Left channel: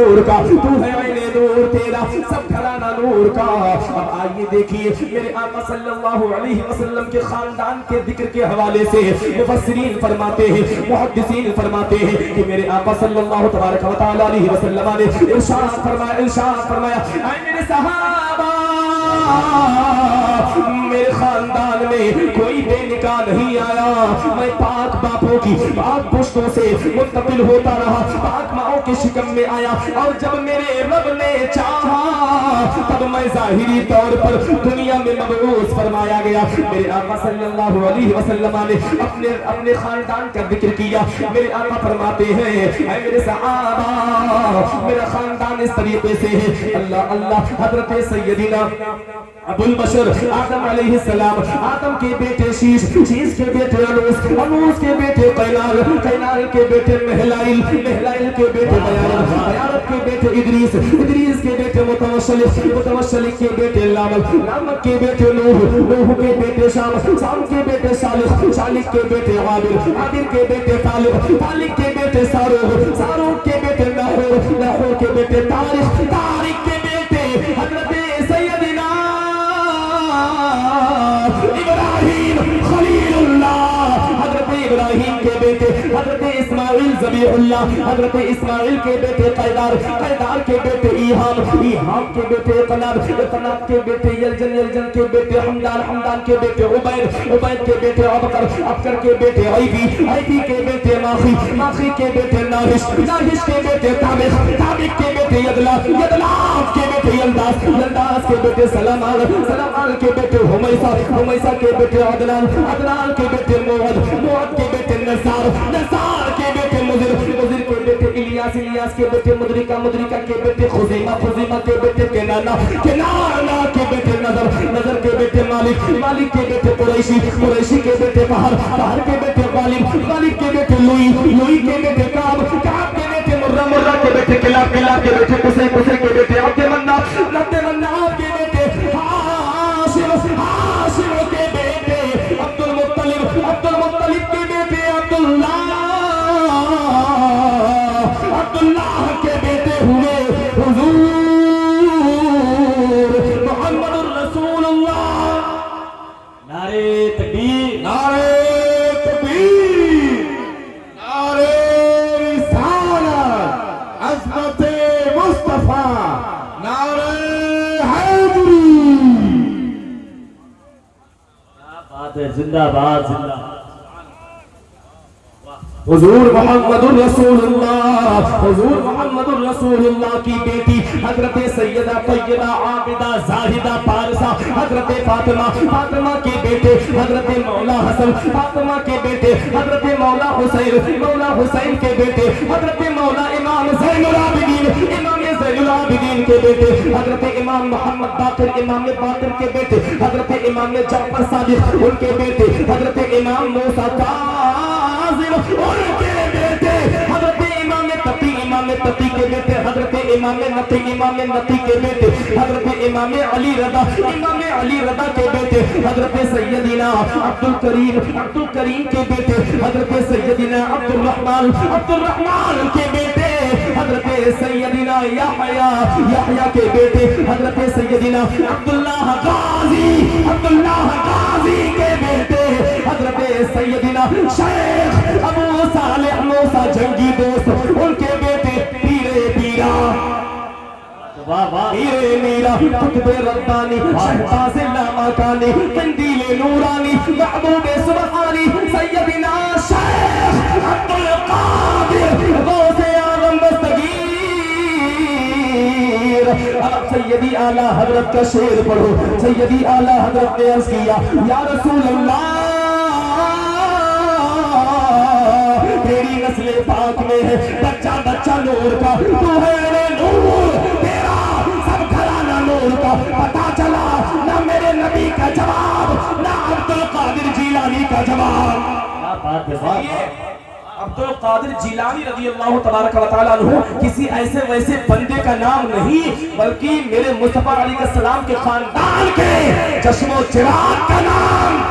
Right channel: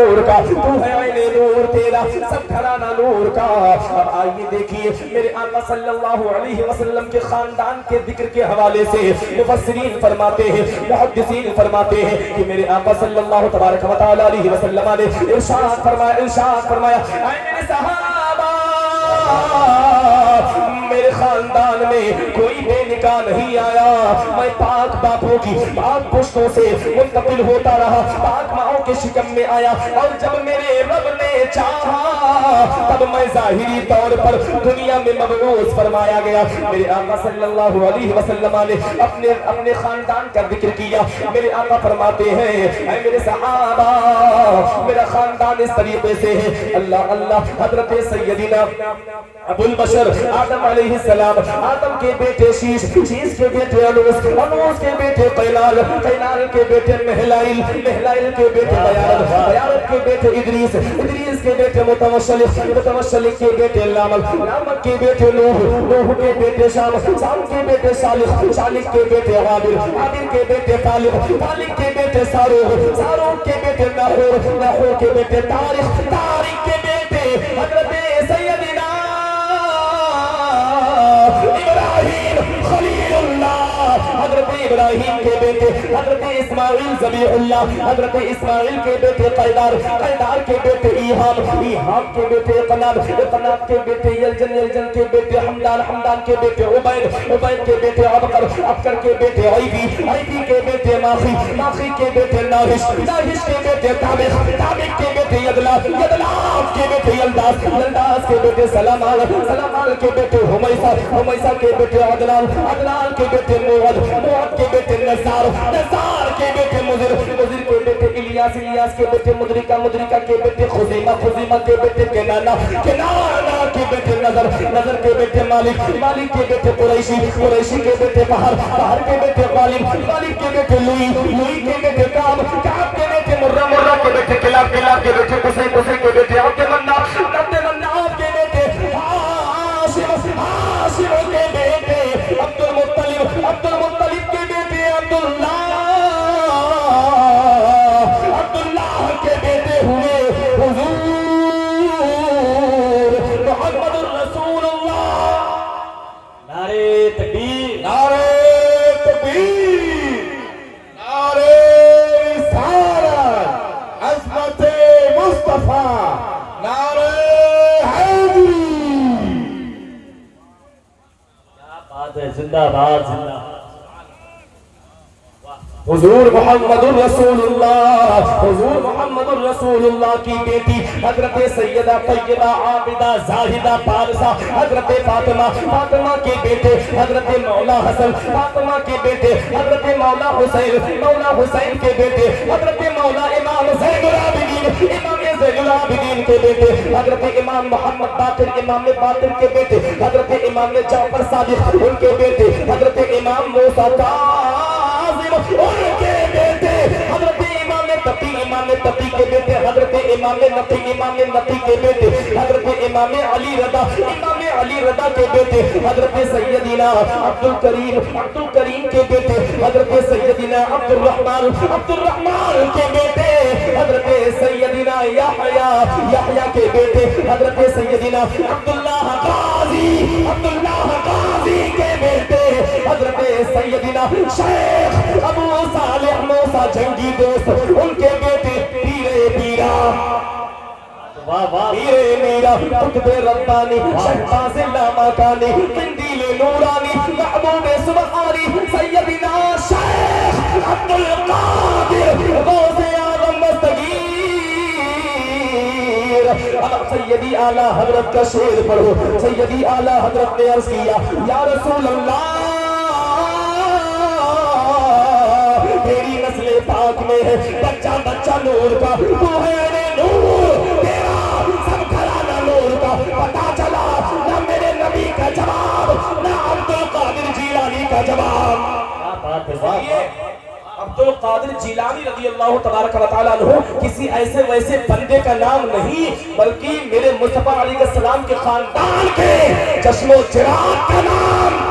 نور کا، تو ہے عین نور، تیرا سب گھرانہ نور کا۔ اب آئیے دیکھیے میرے آقا صلی اللہ علیہ وسلم کے خاندان کے ذکر کے حوالے سے مفسرین فرماتے ہیں، محدثین فرماتے ہیں کہ میرے آقا صلی اللہ تبارک و تعالی علیہ وسلم نے ارشاد فرمایا اے میرے صحابہ، میرے خاندان میں کوئی بے نکاح نہیں آیا، میں پاک باپوں کی پاک پشتوں سے منتقل ہوتا رہا، پاک ماؤں کے شکم میں آیا، اور جب میرے رب نے چاہا تب میں ظاہری طور پر دنیا میں مبعوث فرمایا گیا۔ میرے آقا صلی اللہ علیہ وسلم نے اپنے خاندان کا ذکر کیا۔ میرے آقا فرماتے ہیں اے میرے صحابہ، میرا خاندان اس طریقے سے ہے، اللہ اللہ، حضرت سیدنا ابو البشر آدم علیہ السلام، آدم کے بیٹے شیش، شیش کے بیٹے انوس، انوس کے بیٹے قینال، قینال کے بیٹے مہلائل، مہلائل کے بیٹے بیارت، بیارت کے بیٹے ادریس، ادریس کے بیٹے متوشلق، متوشلق کے بیٹے لامک، لامک کے بیٹے نوح، نوح کے بیٹے شام، شام کے بیٹے صالح، صالح کے بیٹے عابر، عابر کے بیٹے طالب، طالب کے بیٹے ساروغ، ساروغ کے بیٹے ناحور، ناحور کے بیٹے طارق، طارق کے بیٹے حضرت سیدنا ابراہیم خلیل اللہ، حضرت ابراہیم کے بیٹے حضرت اسماعیل ذبیح اللہ، حضرت اسماعیل کے بیٹے قیدار، قیدار کے بیٹے ایہام، ایہام کے بیٹے قناب، قناب کے بیٹے یلجن، یلجن کے بیٹے حمدان، حمدان کے بیٹے عبید، عبید کے بیٹے عبقر، عبقر کے بیٹے عیبی، عیبی کے بیٹے ماخی، ماخی کے بیٹے ناہش، ناہش کے بیٹے تابق، تابق کے بیٹے یدلاف، یدلاف کے بیٹے یلداس، یلداس کے بیٹے سلامان، سلامان کے بیٹے ہمیسہ، ہمیسہ کے بیٹے عدنان، عدنان کے بیٹے موعد، موعد کے بیٹے نزار، نزار کے بیٹے مضر، مضر کے بیٹے الیاس، الیاس کے بیٹے مدرکہ، مدرکہ کے بیٹے خزیمہ، خزیمہ کے بیٹے کنانہ، کنانہ کے بیٹے نظر، نظر کے بیٹے مالک، مالک کے بیٹے قریشی، قریشی کے بیٹے بہر، بہر کے بیٹے غالب، غالب کے بیٹے لوئی، لوئی کے بیٹے کعب، کعب کے بیٹے مرہ، مرہ کے بیٹے کلاب، کلاب کے بیٹے قصی، قصی کے بیٹے عبد مناف، عبد مناف کے بیٹے ہاشم، ہاشم کے بیٹے عبد المطلب، عبد المطلب کے بیٹے عبداللہ، عبداللہ کے بیٹے ہوئے حضور محمد الرسول اللہ۔ نعرہ تکبیر، نعرہ تکبیر، نعرہ رسالت، عظمت مصطفیٰ، نعرہ حیدری۔ کیا بات ہے، زندہ باد، زندہ باد۔ حضور محمد الرسول اللہ، حضور محمد الرسول اللہ کی بیٹی حضرت سیدہ طیبہ عابدہ زاہدہ پارسہ حضرت فاطمہ، فاطمہ کے بیٹے حضرت مولا حسن، فاطمہ کے بیٹے حضرت مولا حسین، مولا حسین کے بیٹے حضرت مولا امام زین العابدین، امام زین العابدین کے بیٹے حضرت امام محمد باقر، امام باقر کے بیٹے حضرت امام جعفر صادق، ان کے بیٹے حضرت امام موسیٰ کاظم، ان کے بیٹے حضرت امام تقی، امام تقی کے بیٹے حضرت امام نقی، امام نقی کے بیٹے حضرت امام علی رضا، امام علی رضا کے بیٹے حضرت سیدنا عبد الکریم، عبد الکریم کے بیٹے حضرت سیدنا عبد الرحمن، عبد الرحمن کے بیٹے حضرت سیدنا یحییٰ، یحییٰ کے بیٹے حضرت سیدنا عبداللہ غازی، عبداللہ غازی کے بیٹے حضرت سیدنا شیخ ابو صالح موسیٰ جنگی دوست، ان کے بیٹے پیرے پیرا، پیرے میرا، قطب ربانی، شہباز لامکانی، قندیل نورانی، محبوب سبحانی، سیدنا شیخ عبد القادر غوث اعظم دستگیر۔ سیدی اعلیٰ حضرت کا شعر پڑھو، سیدی اعلیٰ حضرت نے عرض کیا یا رسول اللہ، تیری نسل پاک میں ہے بچہ بچہ نور کا، تو ہے نور، تیرا سب گھرانہ نور کا۔ پتا چلا نہ میرے نبی کا جواب، نہ عبد القادر جیلانی کا جواب۔ کیا بات ہے، عبد القادر جیلانی رضی اللہ تبارک و تعالیٰ عنہ کسی ایسے ویسے بندے کا نام نہیں، بلکہ میرے مصطفیٰ علیہ السلام کے خاندان کے چشم و چراغ کا نام